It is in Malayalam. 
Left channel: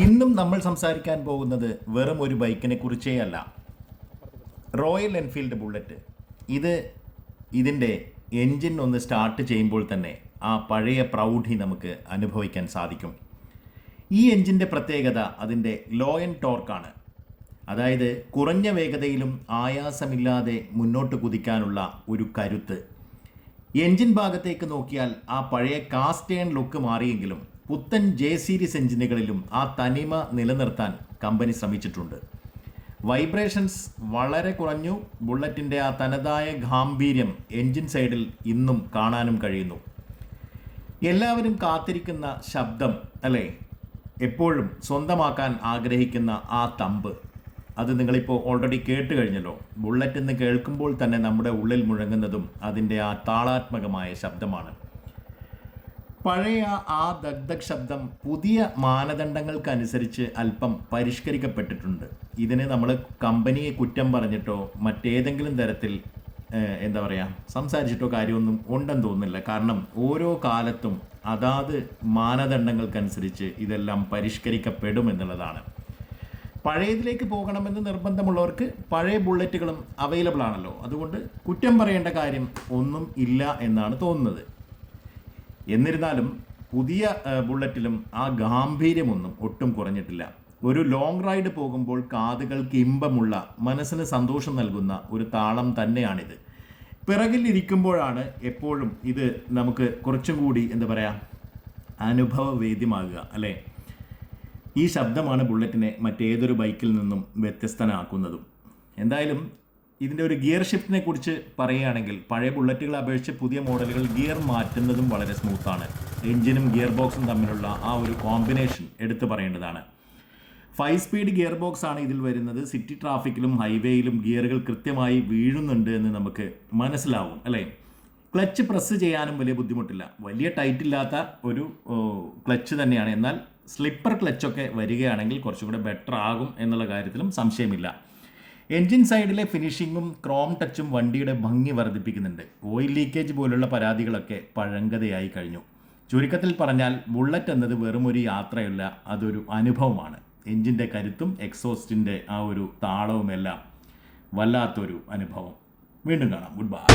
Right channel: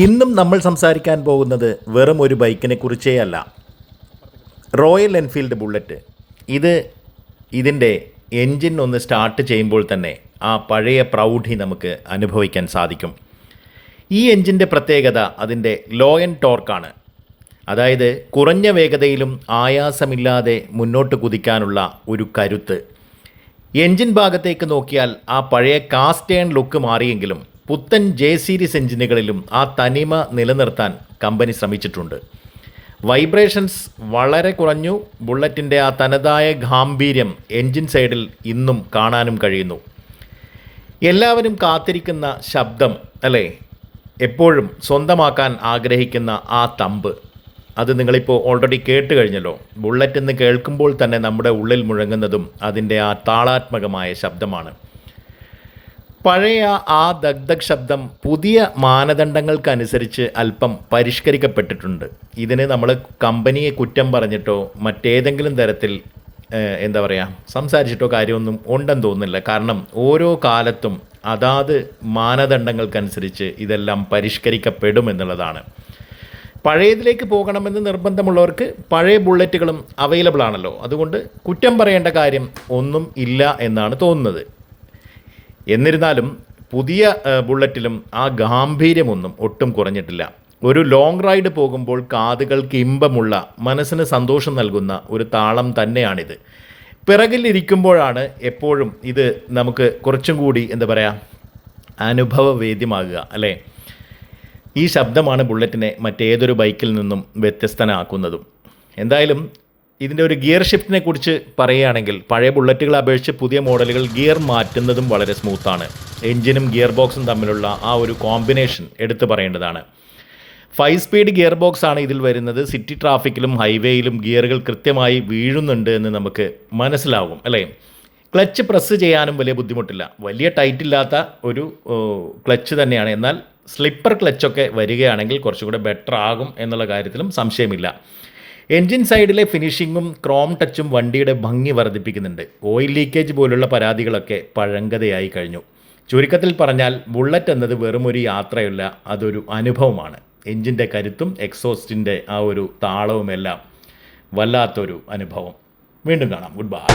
ഇന്നും നമ്മൾ സംസാരിക്കാൻ പോകുന്നത് വെറും ഒരു ബൈക്കിനെ കുറിച്ചേ അല്ല. Royal Enfield bullet. ഇതിൻ്റെ എൻജിൻ ഒന്ന് സ്റ്റാർട്ട് ചെയ്യുമ്പോൾ തന്നെ ആ പഴയ പ്രൗഢി നമുക്ക് അനുഭവിക്കാൻ സാധിക്കും. ഈ എൻജിൻ്റെ പ്രത്യേകത അതിൻ്റെ ലോ ആൻഡ് ടോർക്കാണ്. അതായത് കുറഞ്ഞ വേഗതയിലും ആയാസമില്ലാതെ മുന്നോട്ട് കുതിക്കാനുള്ള ഒരു കരുത്ത്. എൻജിൻ ഭാഗത്തേക്ക് നോക്കിയാൽ ആ പഴയ കാസ്റ്റേൺ ലുക്ക് മാറിയെങ്കിലും പുത്തൻ ജെ സീരീസ് എഞ്ചിനുകളിലും ആ തനിമ നിലനിർത്താൻ കമ്പനി ശ്രമിച്ചിട്ടുണ്ട്. വൈബ്രേഷൻസ് വളരെ കുറഞ്ഞു. ബുള്ളറ്റിൻ്റെ ആ തനതായ ഗാംഭീര്യം എൻജിൻ സൈഡിൽ ഇന്നും കാണാനും കഴിയുന്നു. എല്ലാവരും കാത്തിരിക്കുന്ന ശബ്ദം അല്ലേ, എപ്പോഴും സ്വന്തമാക്കാൻ ആഗ്രഹിക്കുന്ന ആ തമ്പ്, അത് നിങ്ങളിപ്പോൾ ഓൾറെഡി കേട്ട് കഴിഞ്ഞല്ലോ. ബുള്ളറ്റ് എന്ന് കേൾക്കുമ്പോൾ തന്നെ നമ്മുടെ ഉള്ളിൽ മുഴങ്ങുന്നതും അതിൻ്റെ ആ താളാത്മകമായ ശബ്ദമാണ്. പഴയ ആ ദഗ്ധക് ശബ്ദം പുതിയ മാനദണ്ഡങ്ങൾക്കനുസരിച്ച് അല്പം പരിഷ്കരിക്കപ്പെട്ടിട്ടുണ്ട്. ഇതിന് നമ്മൾ കമ്പനിയെ കുറ്റം പറഞ്ഞിട്ടോ മറ്റേതെങ്കിലും തരത്തിൽ സംസാരിച്ചിട്ടോ കാര്യമൊന്നും ഉണ്ടെന്ന് തോന്നുന്നില്ല. കാരണം ഓരോ കാലത്തും അതാത് മാനദണ്ഡങ്ങൾക്കനുസരിച്ച് ഇതെല്ലാം പരിഷ്കരിക്കപ്പെടുമെന്നുള്ളതാണ്. പഴയതിലേക്ക് പോകണമെന്ന് നിർബന്ധമുള്ളവർക്ക് പഴയ ബുള്ളറ്റുകളും അവൈലബിൾ ആണല്ലോ. അതുകൊണ്ട് കുറ്റം പറയേണ്ട കാര്യം ഒന്നും ഇല്ല എന്നാണ് തോന്നുന്നത്. എന്നിരുന്നാലും പുതിയ ബുള്ളറ്റിലും ആ ഗാംഭീര്യമൊന്നും ഒട്ടും കുറഞ്ഞിട്ടില്ല. ഒരു ലോങ് റൈഡ് പോകുമ്പോൾ കാതുകൾക്ക് ഇമ്പമുള്ള, മനസ്സിന് സന്തോഷം നൽകുന്ന ഒരു താളം തന്നെയാണിത്. പിറകിലിരിക്കുമ്പോഴാണ് എപ്പോഴും ഇത് നമുക്ക് കുറച്ചും കൂടി അനുഭവവേദ്യമാകുക അല്ലേ. ഈ ശബ്ദമാണ് ബുള്ളറ്റിനെ മറ്റേതൊരു ബൈക്കിൽ നിന്നും വ്യത്യസ്തനാക്കുന്നതും. എന്തായാലും ഇതിൻ്റെ ഒരു ഗിയർ ഷിഫ്റ്റിനെ കുറിച്ച് പറയുകയാണെങ്കിൽ പഴയ ബുള്ളറ്റുകളെ അപേക്ഷിച്ച് പുതിയ മോഡലുകൾ ഗിയർ മാറ്റുന്നതും വളരെ സ്മൂത്താണ്. എഞ്ചിനും ഗിയർ ബോക്സും തമ്മിലുള്ള ആ ഒരു കോമ്പിനേഷൻ എടുത്തു പറയേണ്ടതാണ്. 5 സ്പീഡ് ഗിയർ ബോക്സ് ആണ് ഇതിൽ വരുന്നത്. സിറ്റി ട്രാഫിക്കിലും ഹൈവേയിലും ഗിയറുകൾ കൃത്യമായി വീഴുന്നുണ്ട് എന്ന് നമുക്ക് മനസ്സിലാവും അല്ലേ. ക്ലച്ച് പ്രസ് ചെയ്യാനും വലിയ ബുദ്ധിമുട്ടില്ല. വലിയ ടൈറ്റ് ഇല്ലാത്ത ഒരു ക്ലച്ച് തന്നെയാണ്. എന്നാൽ സ്ലിപ്പർ ക്ലച്ചൊക്കെ വരികയാണെങ്കിൽ കുറച്ചുകൂടെ ബെറ്റർ ആകും എന്നുള്ള കാര്യത്തിലും സംശയമില്ല. എൻജിൻ സൈഡിലെ ഫിനിഷിങ്ങും ക്രോം ടച്ചും വണ്ടിയുടെ ഭംഗി വർദ്ധിപ്പിക്കുന്നുണ്ട്. ഓയിൽ ലീക്കേജ് പോലുള്ള പരാതികളൊക്കെ പഴങ്കതയായി കഴിഞ്ഞു. ചുരുക്കത്തിൽ പറഞ്ഞാൽ ബുള്ളറ്റ് എന്നത് വെറും ഒരു യാത്രയല്ല, അതൊരു അനുഭവമാണ്. എൻജിൻ്റെ കരുത്തും എക്സോസ്റ്റിൻ്റെ ആ ഒരു താളവുമെല്ലാം വല്ലാത്തൊരു അനുഭവം. വീണ്ടും കാണാം. Good bye.